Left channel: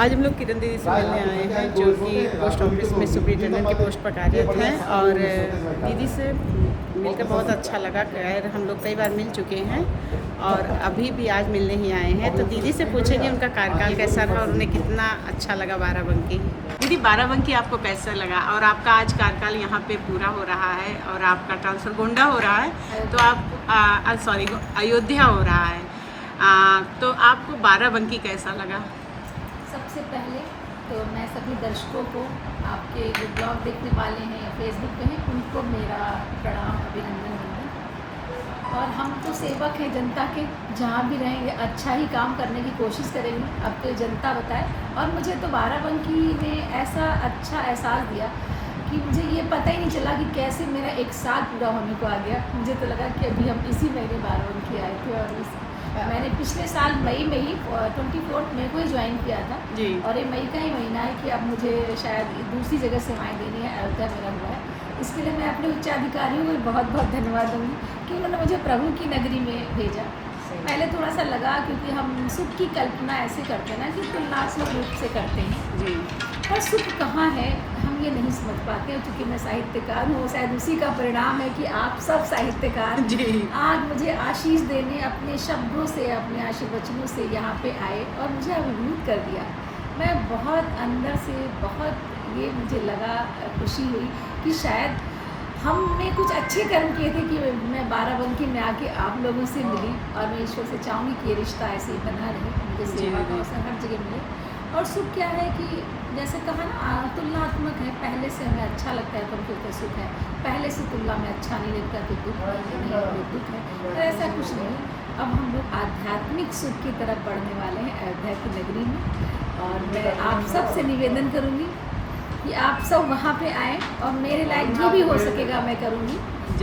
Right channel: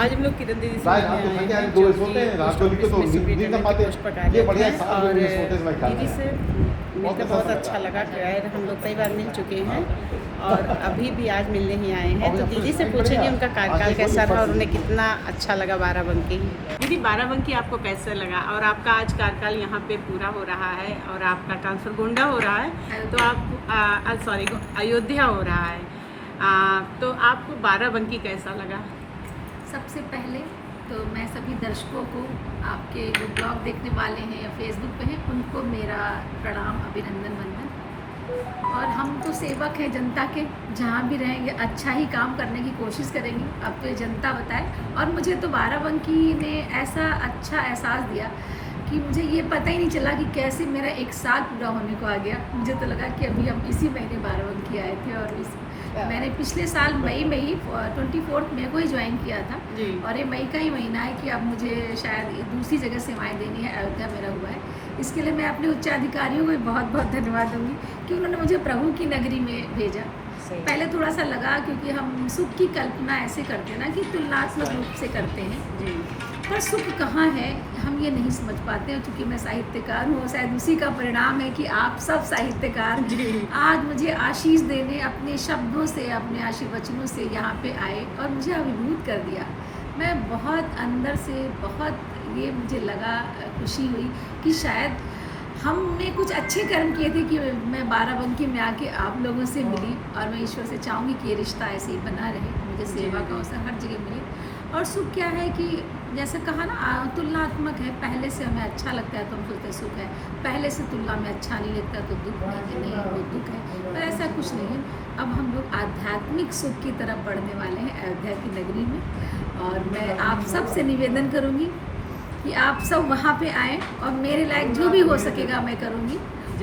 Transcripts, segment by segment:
आज हम लोग किरण दीदी से मिलने आए हैं जो कि पोस्ट ऑफिस में सुपरिटेंडेंट की पोस्ट पर कार्यरत हैं और दीदी से मिलकर बहुत अच्छा लगा। खैर हम लोग कई बार मिल चुके हैं और अभी भी आज मिलने ही आए हैं, तो दीदी से पूछेंगे उनका कार्यकाल कैसा रहा और उन्हें कितना अच्छा लगा बाराबंकी। दीदी बाराबंकी आपको कैसा लगा और आपका आज कार्यकाल यहाँ पे पूरा हो रहा है और आपका ट्रांसफ़र गोंडा हो रहा है, तो आप अयोध्या हो रहा है, तो आपको बाराबंकी कैसा लगा? सबसे पहले तो मैं सभी दर्शकों को, आपके जो ब्लॉग देखने वाले हैं या फेसबुक पे हैं, उनको मेरा प्रणाम, अभिनंदन, वंदन। और हम तो सेवक हैं जनता के, जहाँ भी रहेंगे अच्छा ही काम करने की कोशिश करेंगे। अब तो जनता बताए। और मुझे तो बाराबंकी ने ऐसा अच्छा एहसास दिया कि मुझे ये पता ही नहीं चला कि कैसे मेरा 1 साल पूरा होने को आ गया। मुझे तो लगा कि अभी हम इसी महीने बाराबंकी आए थे और मैंने पिछले साल मई में ही 24 मई को ही ज्वाइन किया था और ये मई का ही महीना है कि अब मुझे शायद दूसरी जगह सेवाएं देनी है। अयोध्या मेरा हुआ है, इसके लिए मैं अपने उच्चाधिकारियों को बहुत बहुत धन्यवाद दूंगी कि उन्होंने मुझे प्रभु की नगरी में भेजा। पहले थोड़ा सा लगा क्योंकि हम सुख की कल्पना ऐसे करते हैं ना कि तुलनात्मक रूप से करते हैं, पर सुख कहाँ है हम ये नहीं समझ पाते हैं। क्योंकि मैं साहित्यकार हूँ, शायद उसी का परिणाम है कि आप सब साहित्यकार आज मुझे आशीष देने अपने शब्दों से, अपने आशीर्वचनों से यहाँ पे आए और मुझे अभिभूत कर दिया। मैं बहुत अंदर से बहुत ये मुझे लगा, खुशी हुई कि शायद हमने कुछ अच्छे कर्म किए थे कि मैं बाराबंकी में आके आप लोगों से मिली। और मैं ईश्वर से चाहूँगी कि ये रिश्ता ऐसे ही बना रहे, मुझे सेवा का अवसर हर जगह मिले। और सुख क्या है कि जैसे कहा ना, तुलनात्मक है। पहले से हमें अच्छा लगता है तो हम सोचते सुख है, पहले से तुलना में अच्छा नहीं लगता तो दुख नहीं, तो दुख है। पर ऐसा कुछ नहीं है। अब हम लोग आध्यात्मिक सुख की तरफ बढ़ने वाले हैं अयोध्या की नगरी में। और मैं आप सब से निवेदन करूँगी कि आप सब वहाँ पे आएँ और मेरे लायक जो भी हो सकेगा मैं करूँगी।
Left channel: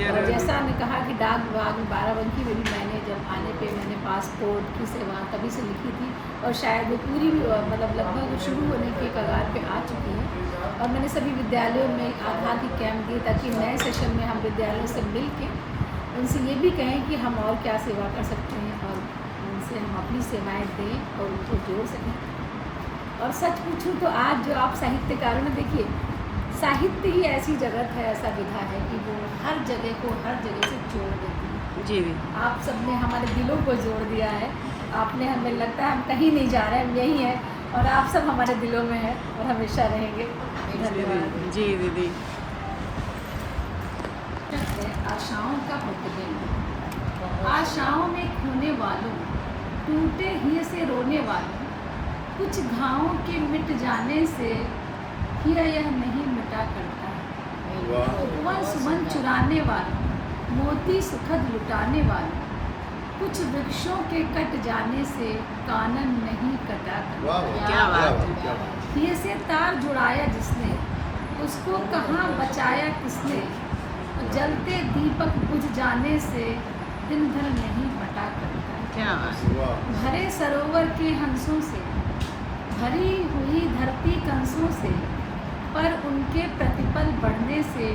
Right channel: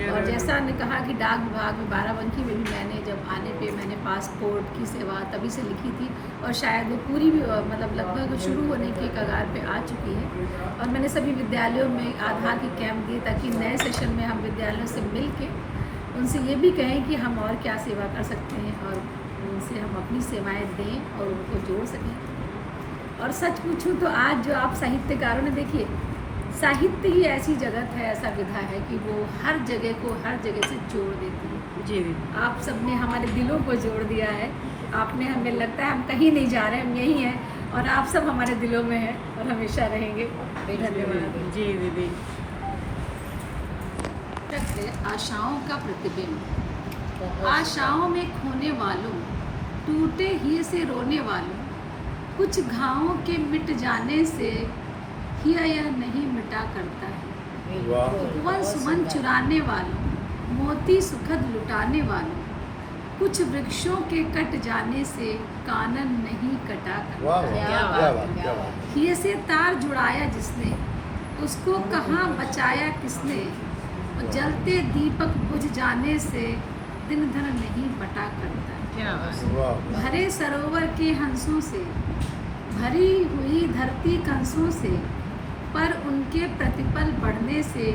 और जैसा ने कहा कि डाक विभाग में बाराबंकी में भी मैंने जब आने पे मैंने पासपोर्ट की सेवा तभी से लिखी थी और शायद वो पूरी भी मतलब लगभग शुरू होने के कगार पे आ चुकी है। और मैंने सभी विद्यालयों में आधार की कैंप दिए ताकि नए सेशन में हम विद्यालयों से मिल के उनसे ये भी कहें कि हम और क्या सेवा कर सकते हैं और उनसे हम अपनी सेवाएँ दें और उनको जोड़ सकें। और सच पूछूं तो आज जो आप साहित्यकारों ने, देखिए साहित्य ही ऐसी जगत है, ऐसा विधा है कि वो हर जगह को हर जगह से जोड़ देती है। जी आप सबने हमारे दिलों को जोड़ दिया है। आपने, हमें लगता है हम कहीं नहीं जा रहे हैं, हम यहीं हैं और आप सब हमारे दिलों में हैं और हमेशा रहेंगे। धन्यवाद। जी दीदी। आशाओं का प्रतिबिंब, आशाओं में खोने वालों, टूटे ही से रोने वालों, कुछ घावों के मिट जाने से हिया यह नहीं मिटा करता है। उपवन सुमन चुराने वालों, मोती सुखद लुटाने वालों, कुछ वृक्षों के कट जाने से कानन नहीं कटा करता है। क्या बात है। हिये से तार जुड़ाया जिसने, उसको कहाँ बचाया किसने, जलते दीपक बुझ जाने से दिन धन नहीं बटा करता है। क्या बात है। भरे सरोवर के हंसों से, भरी हुई धरती कंसों से, पर उनके प्रतिपल बढ़ने से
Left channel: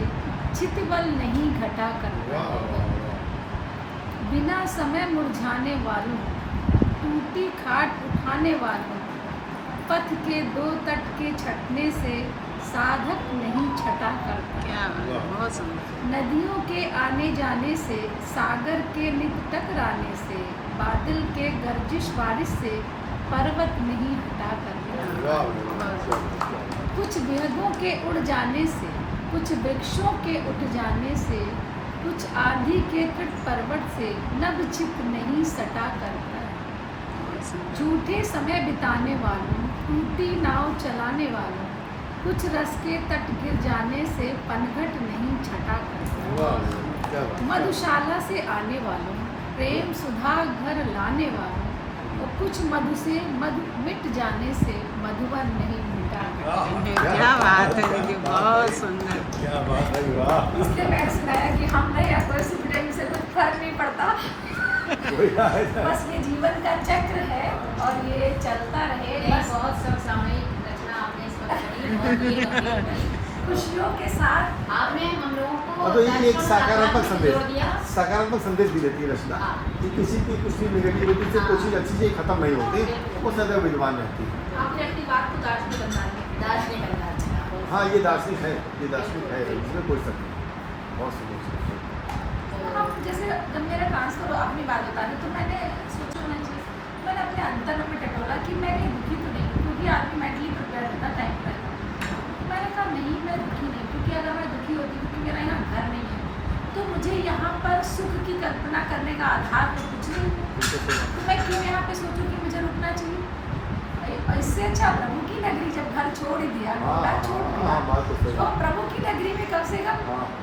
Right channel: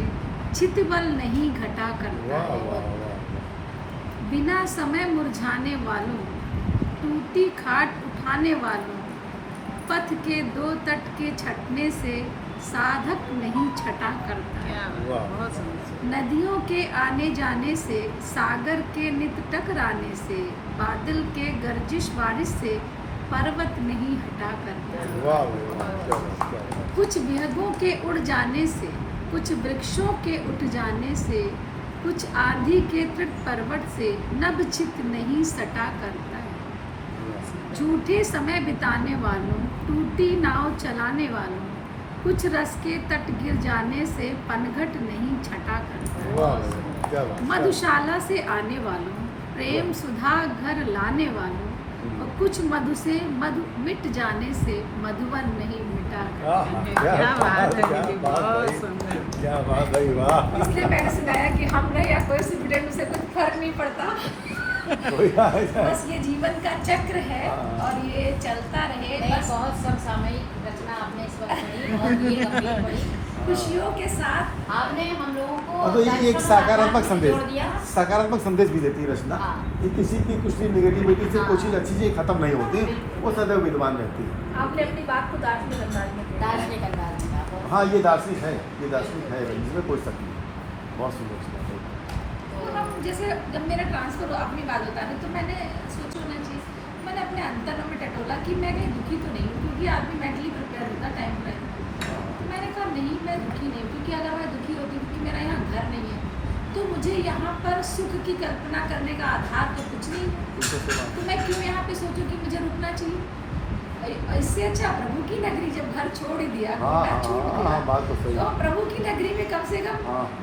चितबल नहीं घटा करता है। बिना समय मुरझाने वालों, टूटी खाट उठाने वालों, पथ के 2 तट के छटने से साधक नहीं छटा करता। क्या बहुत सुंदर। नदियों के आने जाने से, सागर के नित टकराने से, बादल के गर्जिश बारिश से पर्वत नहीं हटा करता। कुछ विहगों के उड़ जाने से, कुछ वृक्षों के उठ जाने से, कुछ आंधी के तृट पर्वत से नभ चित नहीं सटा करता है। झूठे समय बिताने वालों, टूटी नाव चलाने वालों, कुछ रस के तट गिर जाने से पनघट नहीं छटा करता। मधुशाला से आने वालों, प्रेम सुधा घर लाने वालों, और कुछ मधु से मधु मिट जाने से मधुबन नहीं मिटा। क्या बात है दीदी, बहुत सुंदर। इसलिए मैंने सुनाया कि हम नहीं या कोई सुपरिटेंडेंट से कुछ फर्क नहीं पड़ता। बस ये जीवन का चक्र है और ये चलता रहे। बस बहुत सब सामयिक रचना आपने इस वक्त खुशियों के साथ आपने हम लोगों को, तो ये एक सकारात्मक संदेश भी देती है रचना कि किसी की कुछ भी निगेटिविटी से कोई चीज़ अच्छी चीज़ खत्म नहीं होती, वो सदैव विद्वान रहती है। आपने अपनी बात को दार्शनिक अंदाज में दार्शनिक अंदाज में हाँ ये दार्शनिक है, इसमें कोई शक नहीं। बहुत सुंदर। तो हम जैसे जब मेरा ट्रांसफ़र अपनी बात बता रहे तो मैंने सोचा होना चाहिए, मैंने अपने अंतर में टटोला कि मैं कहीं दुखी तो नहीं हूँ, क्योंकि आदमी मेंटली प्रिपेयर होता है टाइम पर। तो मैंने कहा नहीं मैं दुखी नहीं, क्योंकि अगर मैं दुखी होती क्योंकि मेरा यहाँ घर नहीं है तो मुझे यहाँ पर सुख की कल्पना करने का आधार तो कुछ नहीं है, तो मैं क्यों यहाँ पे सोचूं कि मुझे रुकना चाहिए। इससे अच्छा प्रभु की नगरी, जब घर छोड़ ही दिया, घर छोड़ दिया, तो हम प्रभु की नगरी में कम से कम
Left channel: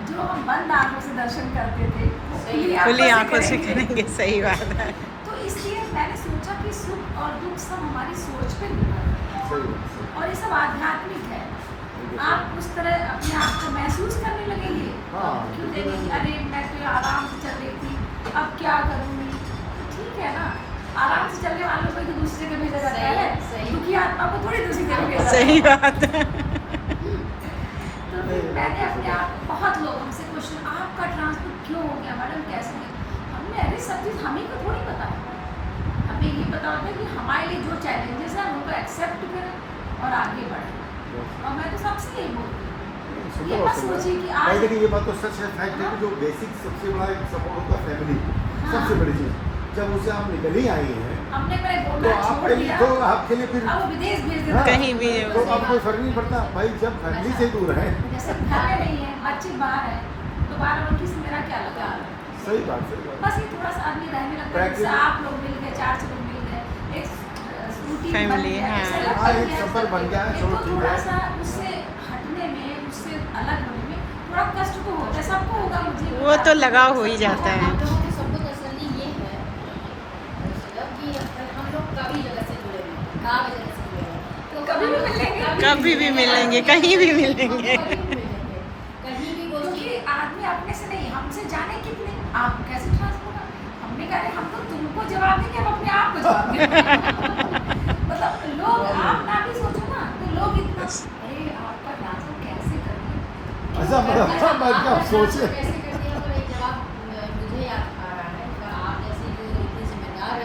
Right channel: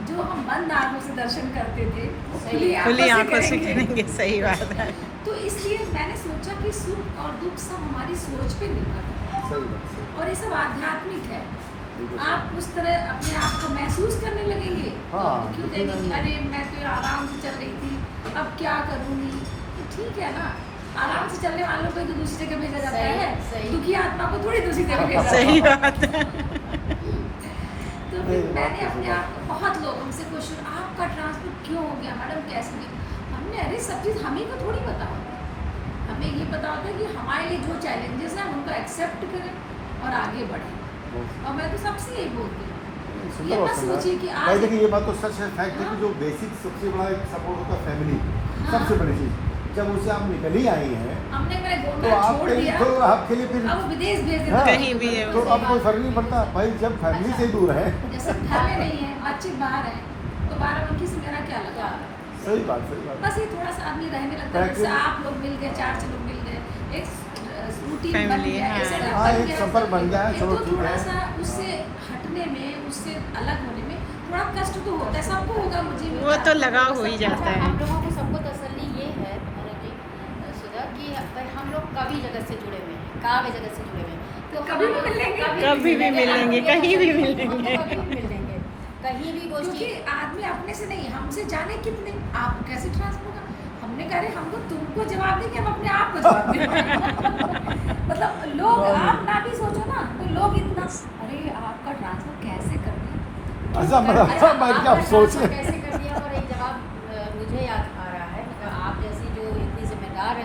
जो हम बंद आंखों से दर्शन करते थे वो खुली आंखों से करेंगे। सही बात है। तो इसलिए मैंने सोचा कि सुख और दुख सब हमारी सोच पे निर्भर है और ये सब आध्यात्मिक है। आप उस तरह अपने आप को महसूस करने लगेंगे तो आप दुखी हो जाएंगे कि अरे मैं तो आराम से चल रही थी, अब क्या करूँगी। तो ठीक है ना, आराम से चलने वालों को तो दूसरी जगह भेजा जाता है, दुखी आत्मा को थोड़ी दूसरी जगह भेजा जाता है। सही बात है। तो फिर मैंने अपने आप को, बहुत लोग हमसे क्वेश्चन, आपका ट्रांसपोर्ट क्यों हो गया मैडम, कैसे गया? हमने अरे सब चीज़ हमें को थोड़ी पता है, हमें ये पता होता है कि हमारे लिए जो चैलेंजेस हैं उनको एक्सेप्ट करें और आगे बढ़ें। और मैं तो सबसे यही बोलती हूँ, ये मत सोचिए कि आज देखिए ये बात तो सच है, फैक्ट है कि जो बेसिक सबसे बड़ा सपोर्ट होता है फैमिली, सबसे बड़ी चीज। जब उसे हम निकल ही आए हैं, हमने मैं तो गोंडा छोड़ दिया, तो आपके लिए फिर अब विदेश भेज देता कहीं भी है तो अब कोई फर्क नहीं पड़ता भाई, जब फैमिली से दूर है। जैसे घर में नहीं है, बच्चे बाहर हैं, तो बाराबंकी से मेरा क्या लगा। सही बात है। बस ये थोड़ा सा आदमी रहने लगता है, जैसे आप लोग मिल गए, 4 लोग मिल गए, एक रूटीन बन Family, गया, हाँ। ऐसा हाँ, बन एक सफर बन गया है, गया। तो छोड़ थोड़ा चुका सा उससे हटने में, उससे अलग होने में थोड़ा कष्ट तो होता है, सबको होगा, मुझे भी वो तो होगा। लगाव हो ही जाता है। सबको तसल्ली ये है सजब कि अगर हम लोग कभी जगह से जुड़े हुए हैं, काव्य जगह से जुड़े हुए हैं, तो कभी भी मिलेंगे, कभी भी मिलेंगे, कहीं भी मिलेंगे। कहीं भी मिलेंगे, कहीं भी क्योंकि गोष्ठी आदमी अपने से नहीं, हमसे जाने कितने, आप कैसे ट्रांसफर होगा। हमने कहा अरे हम तो तुमको जवाब देंगे, हम अपने आप को जवाब देंगे। मतलब लोग, आप ना भी सोचो ना, तो लोग इतना अरे आपका ट्रांसफर कैसे कर दिया, ऐसा मतलब सोचे कैसे करनी है। और एक जवाब मुझे याद आ रहा है, आप जैसे जो इतने जिम्मेदार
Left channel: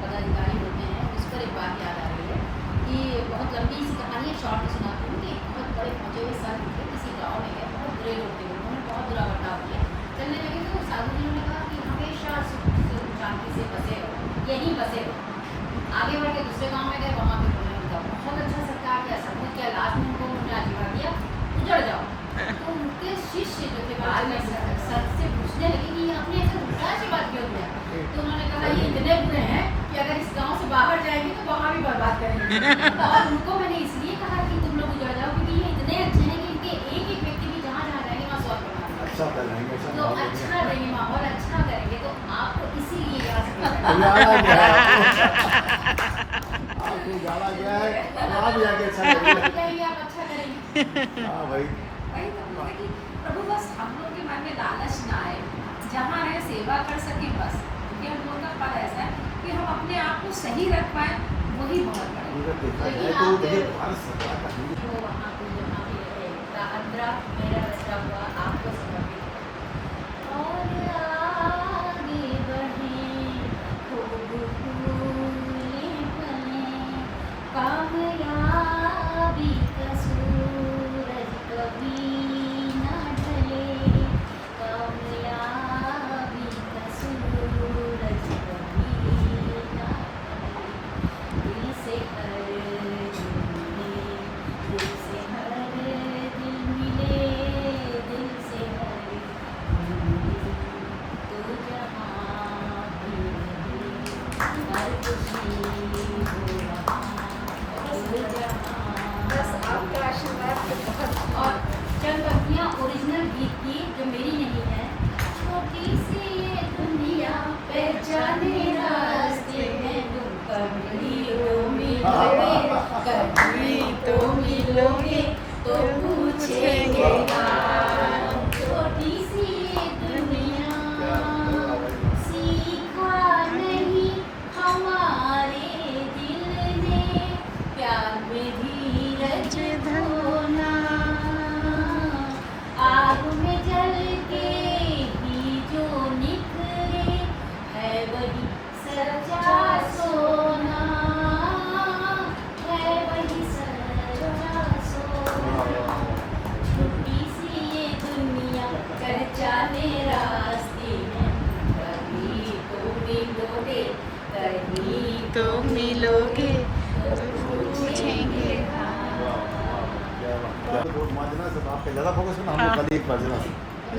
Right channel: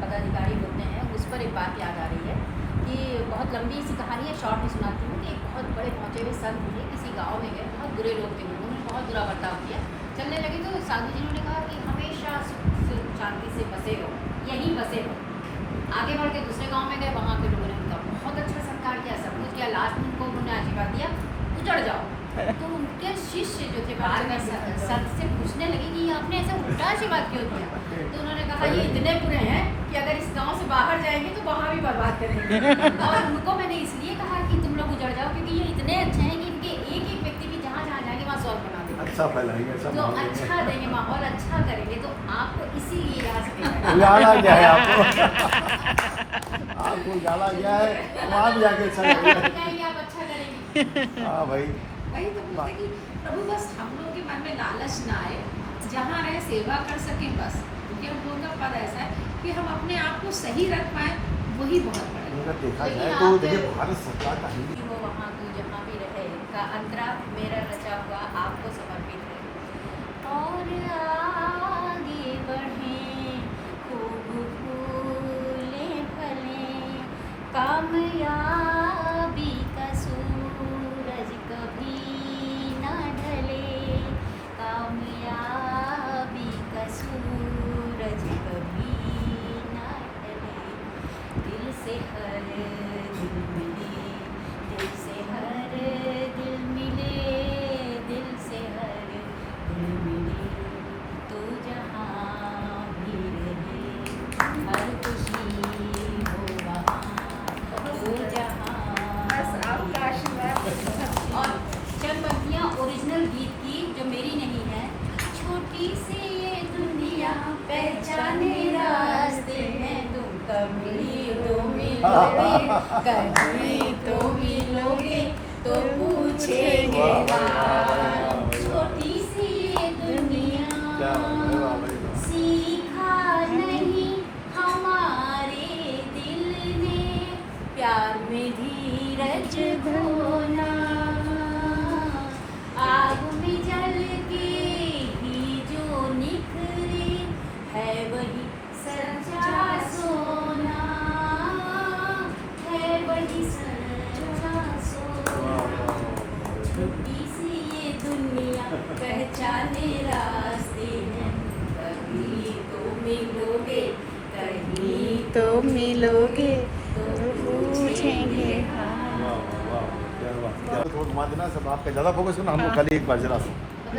पदाधिकारी होते हैं, उस पर एक बात याद आ रही है कि बहुत लंबी सी कहानी है, शॉर्ट में सुनाती हूँ। एक बहुत बड़े पहुँचे हुए संत थे, किसी गाँव में गए, बहुत बुरे लोग थे, उन्होंने बहुत बुरा बर्ताव किया। चलने लगे तो साधु जी ने कहा कि हमेशा सुख से शांति से बसे हो, यहीं बसे हो। आगे बढ़ के दूसरे गांव में गए, वहाँ पे उन्होंने उनका बहुत अच्छा सत्कार किया, सब कुछ किया। लास्ट में उनको उन्होंने आशीर्वाद दिया, उजड़ जाओ। तो उनके शिष्य जो थे बाद में सर से पूछने लगे कि आपने ऐसा उल्टा आशीर्वाद क्यों दिया। तो उन्होंने कहा ये इतने बुरे हैं कि अगर इस गाँव से बाहर जाएंगे तो वहाँ भी बर्बाद करेंगे। और उनको मैंने इसलिए कहा कि तुम लोग उजड़ जाओ, क्योंकि ये इतने अच्छे हैं कि इनके एक एक व्यक्ति भी जहाँ जहाँ जाएंगे वहाँ 100 बना देंगे, अच्छा फैलाएंगे, अच्छा तो माहौल अच्छा देंगे, माहौल अच्छा करेंगे। तो आपको इसीलिए यहाँ से आपको डाला गया है, वहाँ भी आगे अच्छा लगेगा। कहेंगे आप अच्छा करेंगे। हाँ भाई, वही तो बोलते कि प्रभु बस हम लोगों के मन में लालच ना आए, जहाँ रहे सेवा कर सकें बस। क्योंकि हम लोगों का पद ऐसा है कि हम अपने आप को सही रख पाए, वही बहुत बड़ी तो देखिए भारत सरकार का हिंदी वो वहाँ पे जहाँ भी रहे, का अंतरा मेरा रचा हुआ आपको समर्पित है। और आगे बढ़ें, खूब फूलें फलें, कामयाबी का सूरज कभी न ढले, कामयाबी का सूरज कभी न ढले। दिल से हर दिल मिले, दिल से हर दिल मिले, दिल से हर दिल मिले, तो जहाँ भी रहे, हर खुशी हो वहाँ, तो जहाँ बस आपका आशीर्वाद। और चंद पंक्तियाँ ओरिजिनल गीत की जो मेरी नहीं है। छोटी सी ये दुनिया पहचाने रास्ते में, तुम कभी तो मिलोगे, कभी तो मिलोगे, तो पूछेंगे हम। छोटी सी ये दुनिया सीखा नहीं हमारे दिल ने, प्यार में धीरज धोना, आग में जल के ही जो निखरे, है वही सच्चा सोना, है वही सच्चा पूछेंगे। हाँ आपका ज़्यादा फोकस है ना, हम हाँ। लोग खाली एक मार्जिना से।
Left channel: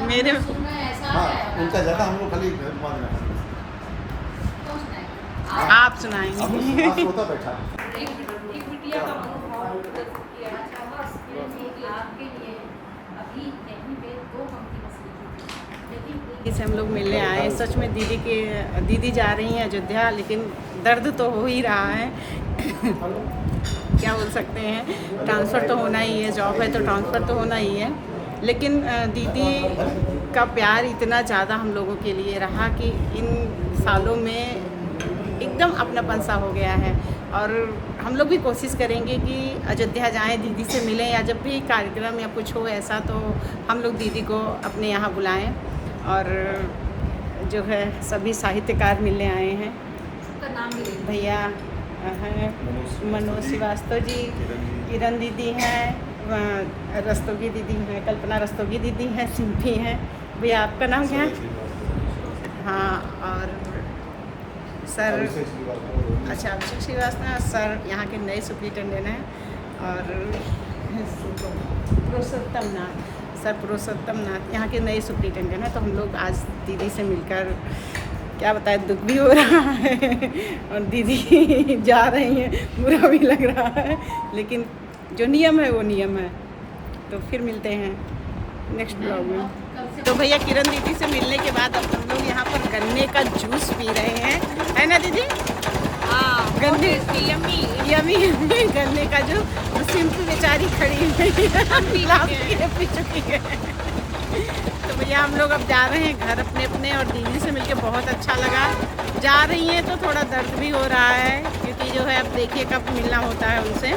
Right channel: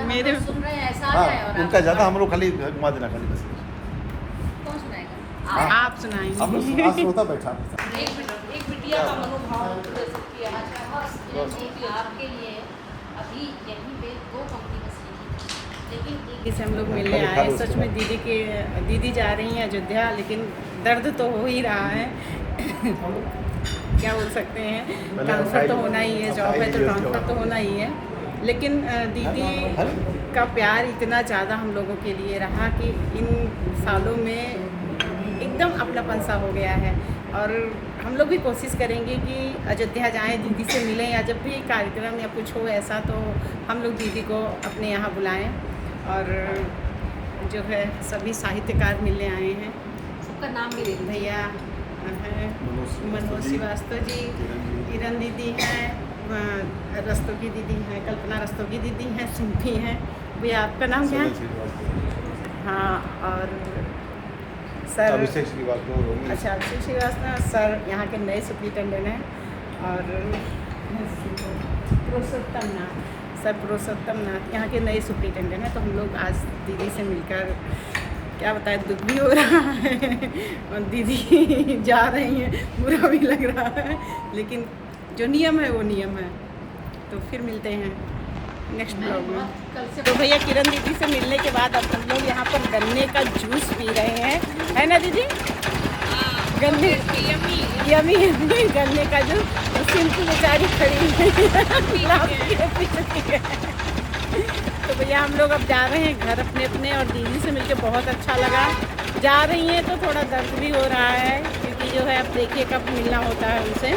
मेरे सुन रहे हैं, ऐसा हाँ, है और उनका ज़्यादा, हम लोग खाली मार्जिना खाली बस। कौन सुनाएगा? आप सुनाएंगे। आप होता बैठा एक बिटिया का मनोभाव प्रस्तुत किया है। कि आपके लिए अभी यहीं पे 2 पंक्ति बस लिखी थी, लेकिन जैसे हम लोग मिलने आए, सच में दीदी जा रही हैं अयोध्या, लेकिन दर्द तो हो ही रहा है। क्या बोल सकते हैं, ट्रांसफ़र तो होना ही है, जॉब है तो ट्रांसफ़र तो होना ही है, लेकिन दीदी का प्यार इतना ज़्यादा हम लोगों के लिए रहा कि इन सालों में एकदम अपनापन सा हो गया है। और हम लोग भी कोशिश करेंगे कि अयोध्या जाएं, दीदी से मिलें, या जब भी कार्यक्रम या कुछ हो ऐसा तो हम लोग दीदी को अपने यहाँ बुलाएं। और जो है सभी साहित्यकार मिलने आए हैं, सबका नाम भी ले लो। भैया हैं मनोज श्रीवास्तव जी, किरण दीदी हैं, रस्तोगी दीदी हैं, कल्पना रस्तोगी दीदी हैं, सिंपी हैं। भैया आपका नाम क्या है? हाँ, और सर, अच्छा अभिषेक श्रीवास्तव सर यहाँ के नए सुप्रिटेंडेंट हैं। और पुरुषोत्तम नाथ यहाँ के नए सुप्रिटेंडेंट हैं। तो हम लोग आज दीदी से मिलकर क्या बताएं, दुख भी हो रहा है और दीदी जा रही हैं, बुरा भी लग रहा है, लेकिन जो नियम है वो नियम है। तो फिर मिलते हैं नेक्स्ट ब्लॉग में। तो भैया किरण दीदी से मिलने के बाद अब हम लोग यहाँ पर गन्ने का जूस पी रहे हैं, है ना दीदी? गन्ने यमी गन्ने का जूस। और सिंपल बेचारी खड़ी है पी चुकी है। तो भैया हम लोग अब जा रहे हैं घर अपने अपने, और दीदी से मिलके बहुत अच्छा लगा। जा रही हैं तो थोड़ा दर्द भी हो रहा है, क्योंकि जो है अब देखिए कब मिलना होता है उनसे।